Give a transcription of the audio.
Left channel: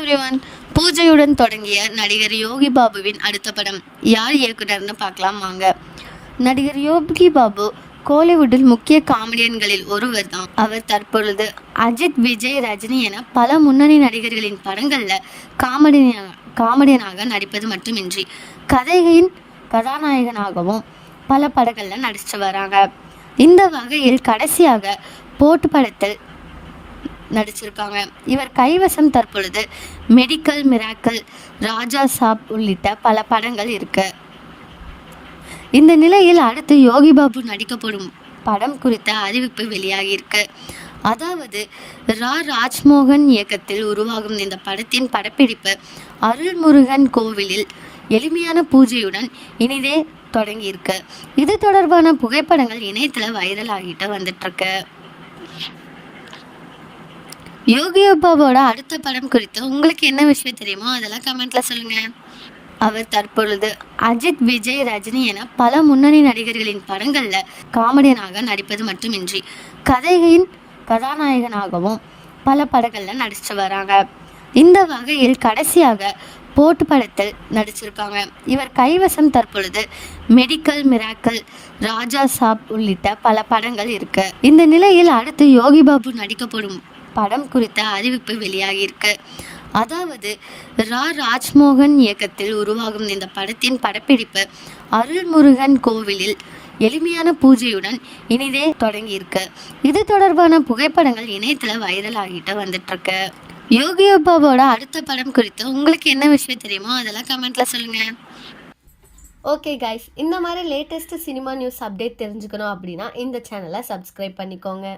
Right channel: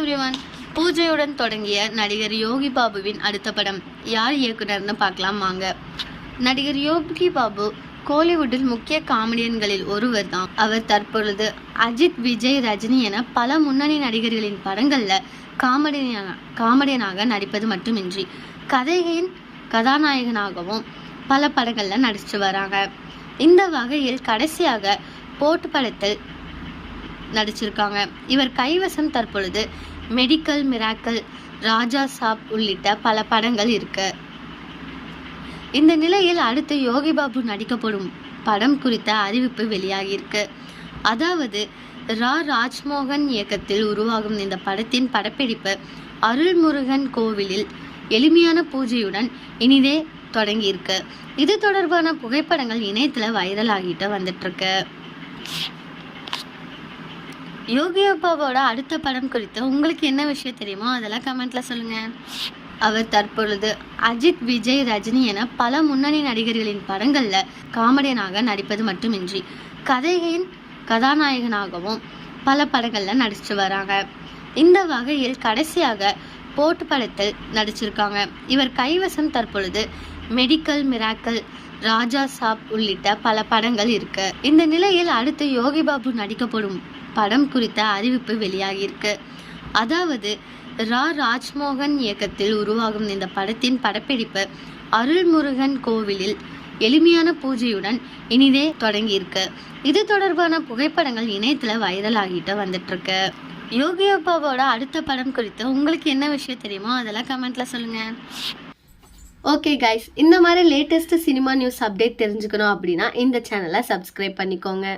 Everyone பூஜையுடன் தொடங்கிய நடிகர் யோகி பாபுவின் அடுத்த படம் யார் இயக்குனர்னு பார்க்கலாம் வாங்க. நடிகர் யோகி பாபு கோலிவுட்டில் முக்கிய காமெடியன்களில் ஒருவர் தான். அவர் தற்பொழுது அஜித் விஜய் ரஜினி என பல முன்னணி நடிகர்களின் படங்களில் காமெடியனாக காமெடியனாக நடிப்பது மட்டுமின்றி கதையின் கதாநாயகனாகவும் பல படங்களில் நடிச்சு வராங்க. இந்த வகையில் கடைசியாக போட்டு படத்தில் நடிச்சிருக்காங்க. இவர் கைவசம் தற்பொழுது மெடிக்கல் மிராக்கல் ராஜா சாப் உள்ளிட்ட பல படங்கள் இருக்கு. இந்த நிலையில் அடுத்து யோகி பாபு நடிக்கப்படும் படம் குறித்த அறிவிப்பு வெளியாகியிருக்கு அதாவது ரா ராஜ்மோகன் இயக்கத்தில் உருவாகும் இந்த படத்தின் படப்பிடிப்பு அருள்முருகன் கோவிலில் எளிமையான பூஜையுடன் இனிதே தொடங்கியிருக்கு இது தொடர்பான புகைப்படங்கள் இணையத்தில் வைரல் ஆகிட்டு வந்துட்டுருக்கு யோகி அப்பாவோட அடுத்த படம் குறித்து உங்களுக்கு என்ன விஷயம் தெரியுமோ அதெல்லாம் கமெண்ட்ல சொல்லுங்க. அவர் தற்பொழுது அஜித் விஜய் ரஜினி என பல முன்னணி நடிகர்களின் படங்களில் காமெடியனாக நடிப்பது மட்டுமின்றி கதையின் கதாநாயகனாகவும் பல படங்களில் நடிச்சு வராங்க. இந்த வகையில் கடைசியாக போட்டு படத்தில் நடிச்சிருக்காங்க. இவர் கைவசம் தற்பொழுது மெடிக்கல் மிராக்கல் ராஜா சாப் உள்ளிட்ட பல படங்கள் இருக்கு. இந்த நிலையில் அடுத்து யோகி பாபு நடிக்கப்படும் படம் குறித்த அறிவிப்பு வெளியாகியிருக்கு. அதாவது ரா. ராஜ்மோகன் இயக்கத்தில் உருவாகும் இந்த படத்தின் படப்பிடிப்பு அருள்முருகன் கோவிலில் எளிமையான பூஜையுடன் இனிதே தொடங்கியிருக்கு. இது தொடர்பான புகைப்படங்கள் இணையத்தில் வைரல் ஆகிட்டு வந்துட்டுருக்கு. யோகியோ யோகி அப்பாவோட அடுத்த படம் குறித்து உங்களுக்கு என்ன விஷயம் தெரியுமோ அதெல்லாம் கமெண்ட்ல சொல்லுங்க. ஓகே கைஸ் இந்த மாதிரி லேட்டஸ்ட் சினிமா நியூஸ் அப்டேட் தெரிஞ்சுக்கணும் அப்படின்னா இந்த சேனலை சப்ஸ்கிரைப் பண்ணிக்கோங்க.